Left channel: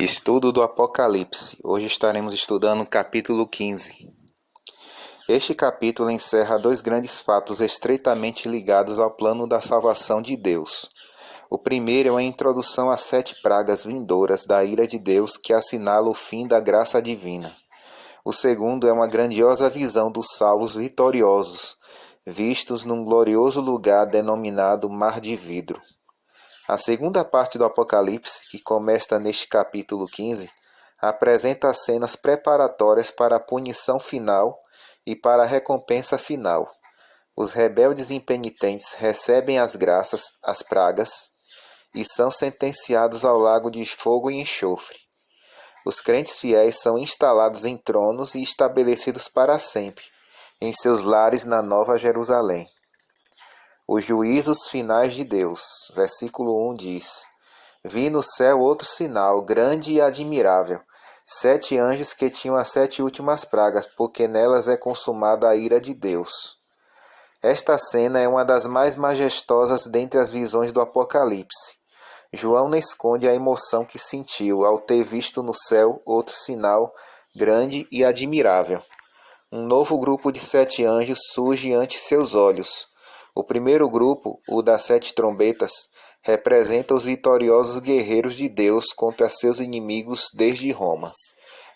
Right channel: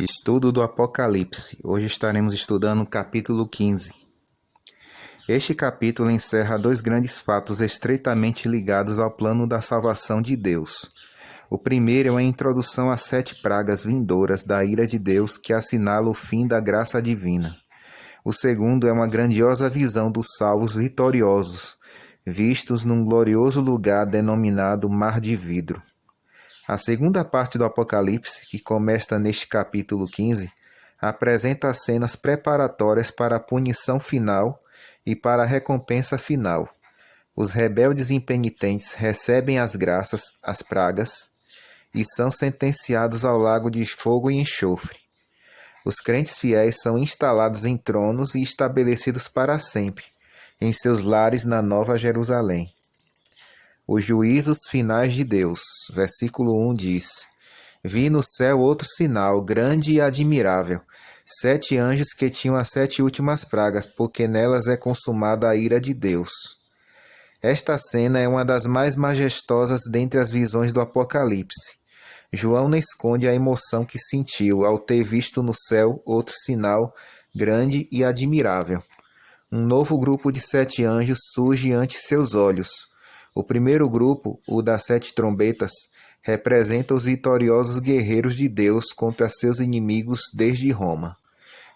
Estudo do Apocalipse. Hoje estaremos estudando o capítulo 15. Este capítulo encerra dois grandes fatos estreitamente ligados ao plano da salvação de Deus. O primeiro é uma introdução às 7 pragas vindouras da ira de Deus que assinala o fim da graça divina. O segundo é uma grandiosa visão dos salvos vitoriosos, vistos num glorioso lugar denominado Mar de Vidro. A segunda parte do Apocalipse, que começa neste capítulo 15, apresenta as cenas preparatórias para a punição final e para a recompensa final. Os rebeldes impenitentes recebem as graças, as pragas, e são sentenciados ao lago de fogo e enxofre. Os crentes fiéis são instalados em tronos e estabelecidos para sempre, em seus lares na Nova Jerusalém. Os juízos finais de Deus. Versículo 1 diz: Vi no céu outro sinal, grande e admirável, 7 anjos que tinham as 7 últimas pragas, porque nelas é consumada a ira de Deus. Esta cena é uma das mais majestosas dentre as visões do Apocalipse. João não esconde a emoção que sentiu ao ter visto no céu outro sinal, grande e admirável. Um novo grupo de 7 anjos surge ante seus olhos. O primeiro grupo, o das 7 trombetas, representa os vitoriosos guerreiros de Deus contra seus inimigos desde Roma.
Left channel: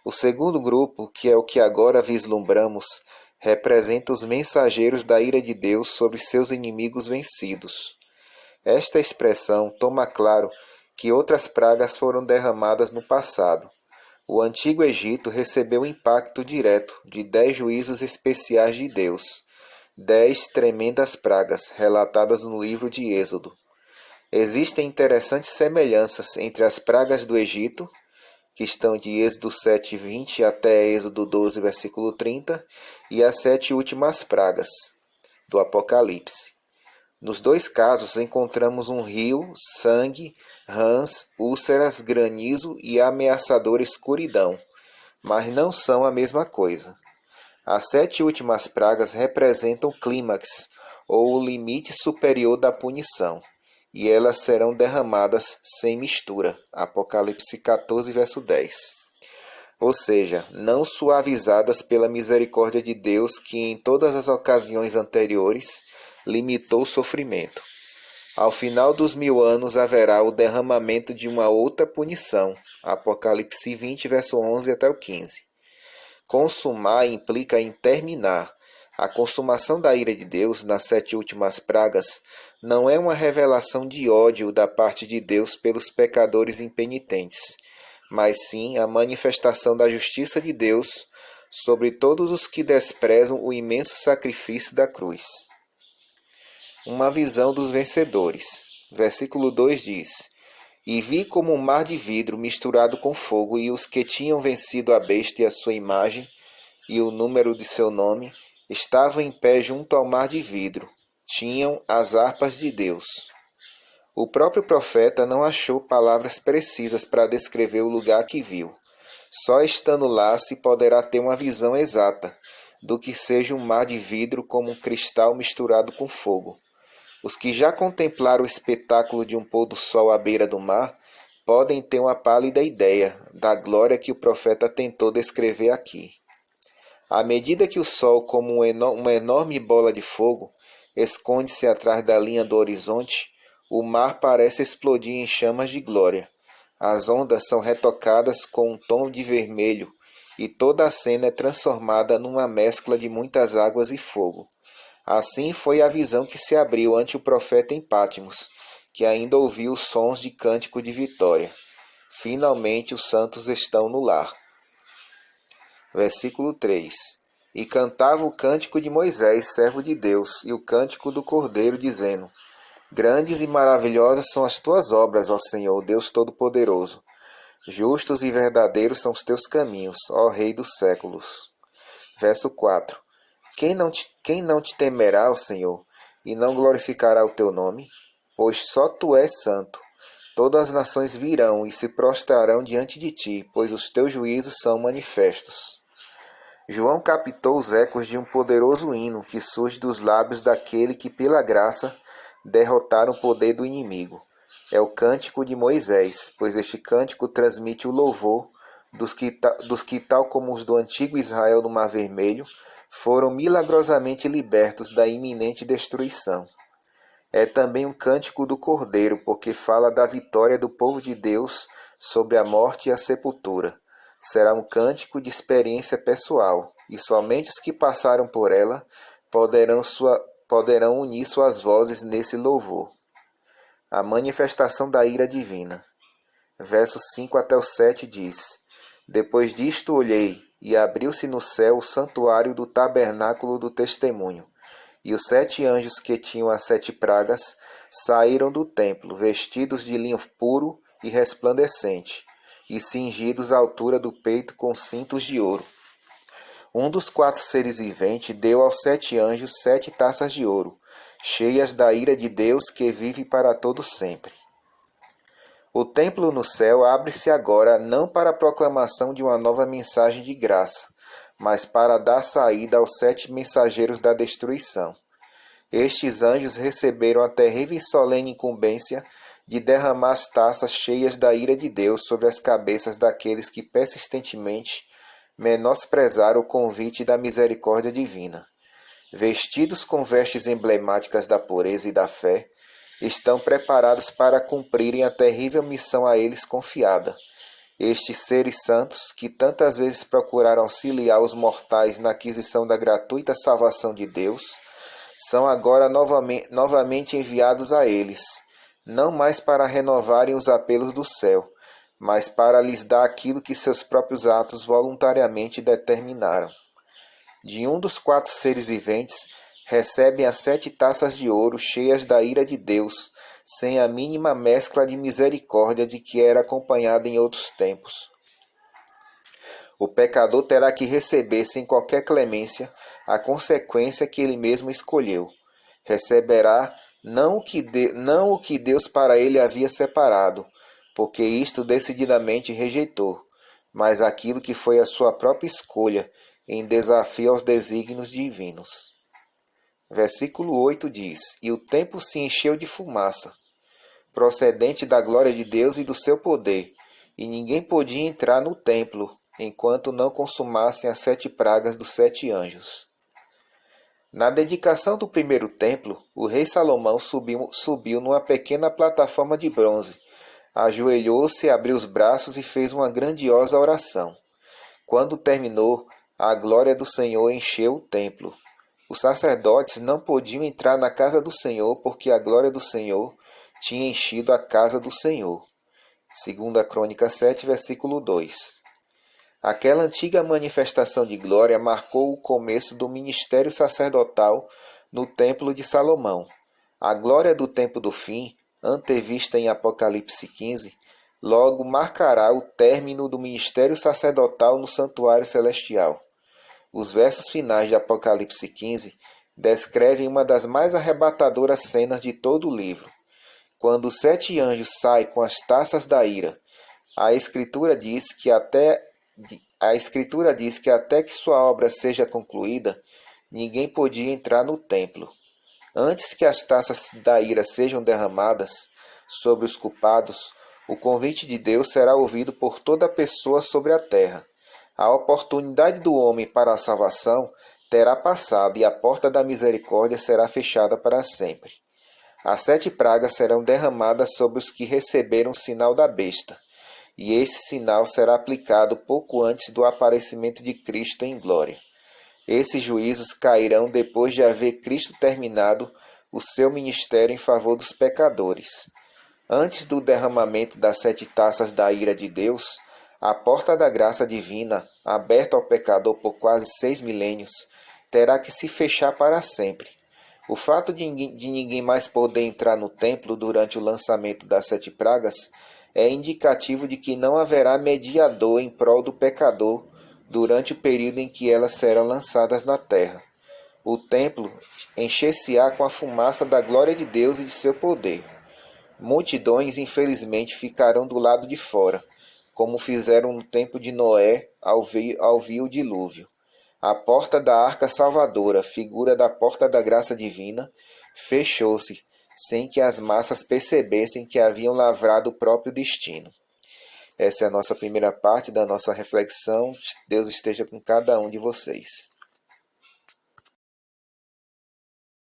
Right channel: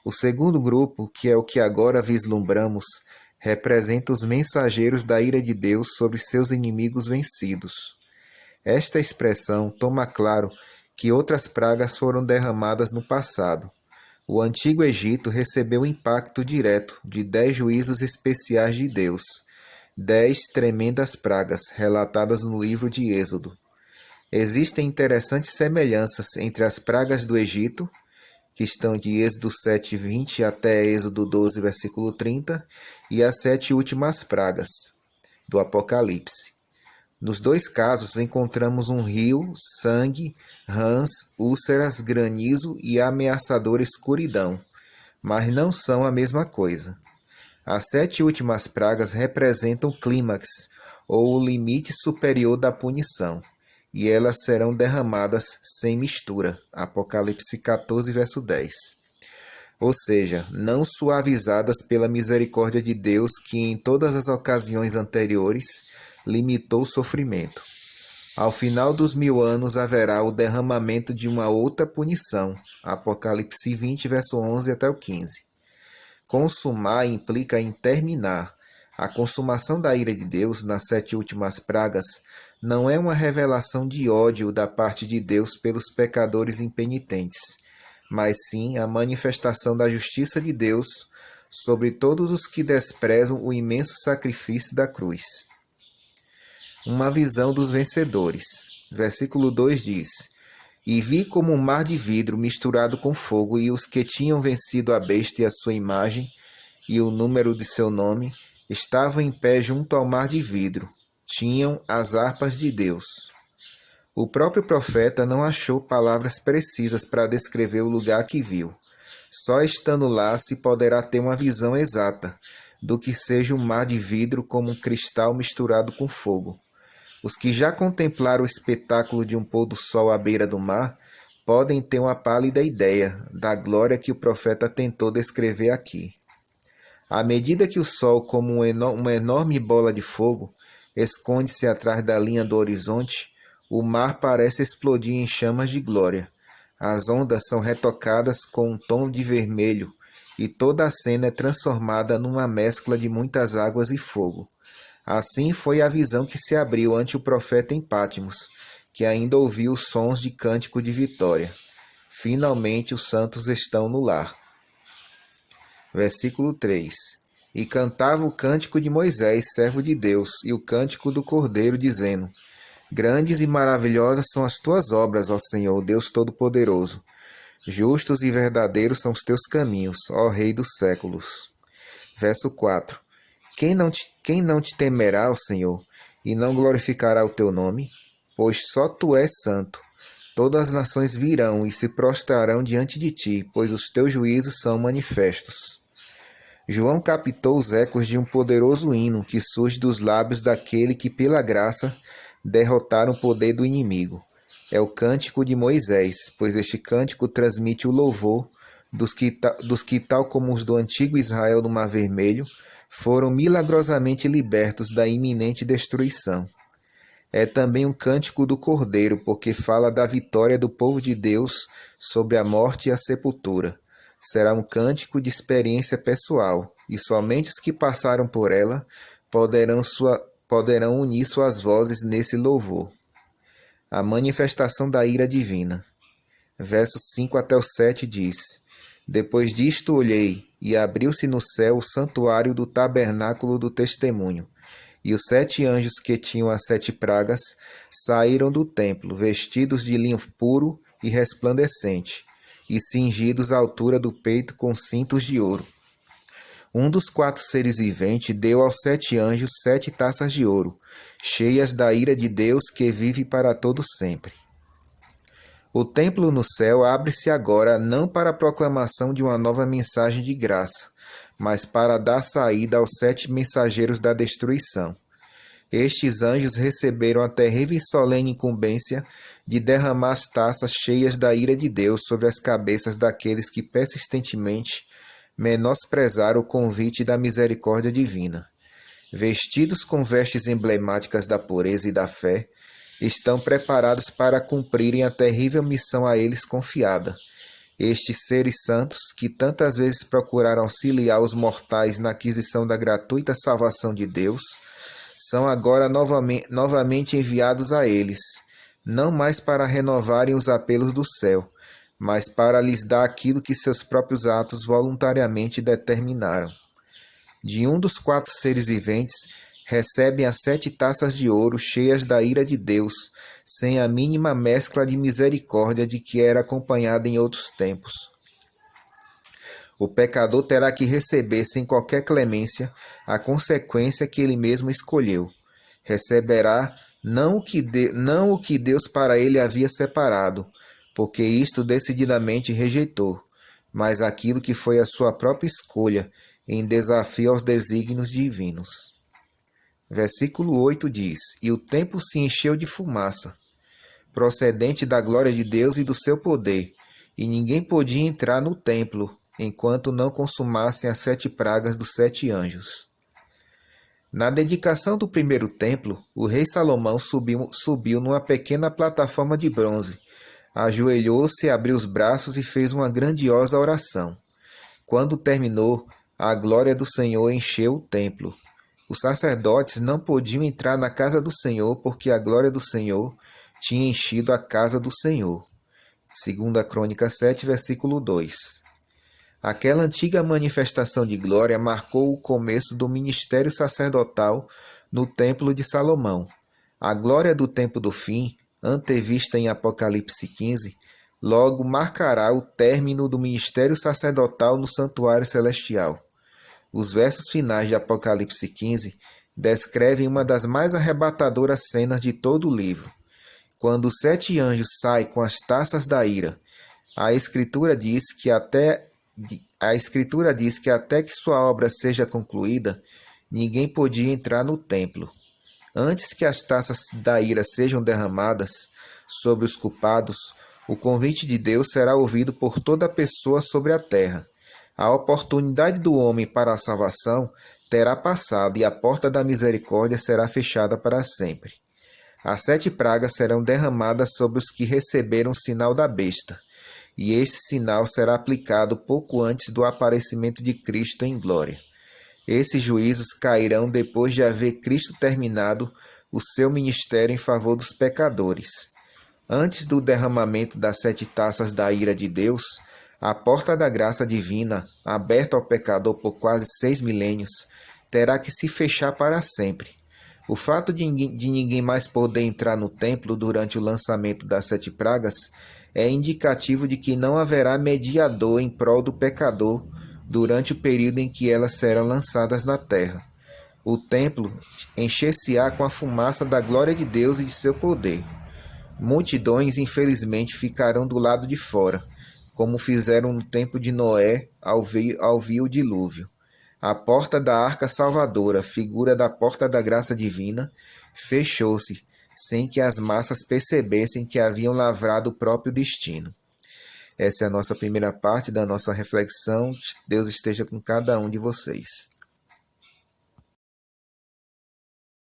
O segundo grupo, que é o que agora vislumbramos, representa os mensageiros da ira de Deus sobre seus inimigos vencidos. Esta expressão toma claro que outras pragas foram derramadas no passado. O Antigo Egito recebeu o impacto direto de 10 juízos especiais de Deus, 10 tremendas pragas relatadas no livro de Êxodo. Existem interessantes semelhanças entre as pragas do Egito, que estão de Êxodo 7:20 até Êxodo 12, versículo 30, e as 7 últimas pragas do Apocalipse. Nos dois casos encontramos um rio, sangue, rãs, úlceras, granizo e ameaçadora escuridão, mas não são a mesma coisa. As 7 últimas pragas representam o clímax, ou o limite superior da punição, e elas serão derramadas sem mistura. Apocalipse 14, verso 10. Ou seja, não suavizadas pela misericórdia de Deus que em todas as ocasiões anteriores limitou o sofrimento. Ao final dos 1000 anos haverá o derramamento de uma outra punição. Apocalipse 20, verso 11 até o 15. Consumar implica em terminar. A consumação da ira de Deus nas 7 últimas pragas não é uma revelação de ódio da parte de Deus pelos pecadores impenitentes, mas sim a manifestação da justiça de Deus sobre todos os que desprezam o imenso sacrifício da cruz. Uma visão dos vencedores. Versículo 2 diz: E vi como um mar de vidro misturado com fogo, e os que tinham vencido a besta e a sua imagem, e o número de seu nome, estavam em pé junto ao mar de vidro. Tinham as harpas de Deus. O próprio profeta não achou palavras precisas para descrever o lugar que viu. Só estando lá se poderá ter uma visão exata do que seja um mar de vidro como um cristal misturado com fogo. Os que já contemplaram o espetáculo de um pôr do sol à beira do mar podem ter uma pálida ideia da glória que o profeta tentou descrever aqui. À medida que o sol, como uma enorme bola de fogo, esconde-se atrás da linha do horizonte, o mar parece explodir em chamas de glória. As ondas são retocadas com um tom de vermelho e toda a cena é transformada numa mescla de muitas águas e fogo. Assim foi a visão que se abriu ante o profeta em Patmos, que ainda ouviu os sons de cântico de vitória. Finalmente os santos estão no lar. Versículo 3. E cantava o cântico de Moisés, servo de Deus, e o cântico do Cordeiro, dizendo: Grandes e maravilhosas são as tuas obras, ó Senhor, Deus Todo-Poderoso. Justos e verdadeiros são os teus caminhos, ó Rei dos séculos. Verso 4. Quem não te temerá, ó Senhor, e não glorificará o teu nome? Pois só tu és santo. Todas as nações virão e se prostrarão diante de ti, pois os teus juízos são manifestos. João captou os ecos de um poderoso hino que surge dos lábios daquele que, pela graça, derrotaram o poder do inimigo. é o cântico de Moisés, pois este cântico transmite o louvor dos que, tal como os do antigo Israel no Mar Vermelho, foram milagrosamente libertos da iminente destruição. É também um cântico do Cordeiro, porque fala da vitória do povo de Deus sobre a morte e a sepultura. Será um cântico de experiência pessoal, e somente os que passaram por ela poderão unir suas vozes nesse louvor. A manifestação da ira divina. Versos 5 até o 7 diz: Depois disto olhei, e abriu-se no céu o santuário do tabernáculo do testemunho. E os 7 anjos que tinham as 7 pragas saíram do templo, vestidos de linho puro e resplandecente, e cingidos à altura do peito com cintos de ouro. Um dos 4 seres viventes deu aos 7 anjos 7 taças de ouro, cheias da ira de Deus que vive para todo sempre. O templo no céu abre-se agora não para a proclamação de uma nova mensagem de graça, mas para dar saída aos 7 mensageiros da destruição. Estes anjos receberam a terrível e solene incumbência de derramar as taças cheias da ira de Deus sobre as cabeças daqueles que persistentemente menosprezaram o convite da misericórdia divina. Vestidos com vestes emblemáticas da pureza e da fé, estão preparados para cumprirem a terrível missão a eles confiada. Estes seres santos, que tantas vezes procuraram auxiliar os mortais na aquisição da gratuita salvação de Deus, são agora novamente enviados a eles, não mais para renovarem os apelos do céu, mas para lhes dar aquilo que seus próprios atos voluntariamente determinaram. De um dos 4 seres viventes, recebem as 7 taças de ouro cheias da ira de Deus, sem a mínima mescla de misericórdia de que era acompanhada em outros tempos. O pecador terá que receber sem qualquer clemência a consequência que ele mesmo escolheu. Receberá não o que Deus para ele havia separado, porque isto decididamente rejeitou, mas aquilo que foi a sua própria escolha, em desafio aos desígnios divinos. Versículo 8 diz: E o templo se encheu de fumaça, procedente da glória de Deus e do seu poder, e ninguém podia entrar no templo, enquanto não consumassem as 7 pragas dos 7 anjos. Na dedicação do primeiro templo, o rei Salomão subiu numa pequena plataforma de bronze, ajoelhou-se, abriu os braços e fez uma grandiosa oração. Quando terminou, a glória do Senhor encheu o templo. Os sacerdotes não podiam entrar na casa do Senhor, porque a glória do Senhor tinha enchido a casa do Senhor. 2 Crônica 7, versículo 2. Aquela antiga manifestação de glória marcou o começo do ministério sacerdotal no Templo de Salomão. A glória do tempo do fim, antevista em Apocalipse 15, logo marcará o término do ministério sacerdotal no santuário celestial. Os versos finais de Apocalipse 15 descrevem uma das mais arrebatadoras cenas de todo o livro. Quando os 7 anjos saem com as taças da ira, a Escritura diz que até que sua obra seja concluída, ninguém podia entrar no templo. Antes que as taças da ira sejam derramadas sobre os culpados, o convite de Deus será ouvido por toda pessoa sobre a terra. A oportunidade do homem para a salvação terá passado e a porta da misericórdia será fechada para sempre. As 7 pragas serão derramadas sobre os que receberam o sinal da besta, e esse sinal será aplicado pouco antes do aparecimento de Cristo em glória. Esses juízos cairão depois de haver Cristo terminado o seu ministério em favor dos pecadores. Antes do derramamento das 7 taças da ira de Deus, a porta da graça divina, aberta ao pecador por quase 6 milênios, terá que se fechar para sempre. O fato de ninguém mais poder entrar no templo durante o lançamento das 7 pragas é indicativo de que não haverá mediador em prol do pecador durante o período em que elas serão lançadas na terra. O templo encher-se-á com a fumaça da glória de Deus e de seu poder. Multidões, infelizmente, ficarão do lado de fora, como fizeram no tempo de Noé ao vir o dilúvio. A porta da arca salvadora, figura da porta da graça divina, fechou-se, sem que as massas percebessem que haviam lavrado o próprio destino. Essa é a nossa primeira parte da nossa reflexão. Deus esteja com cada um de vocês.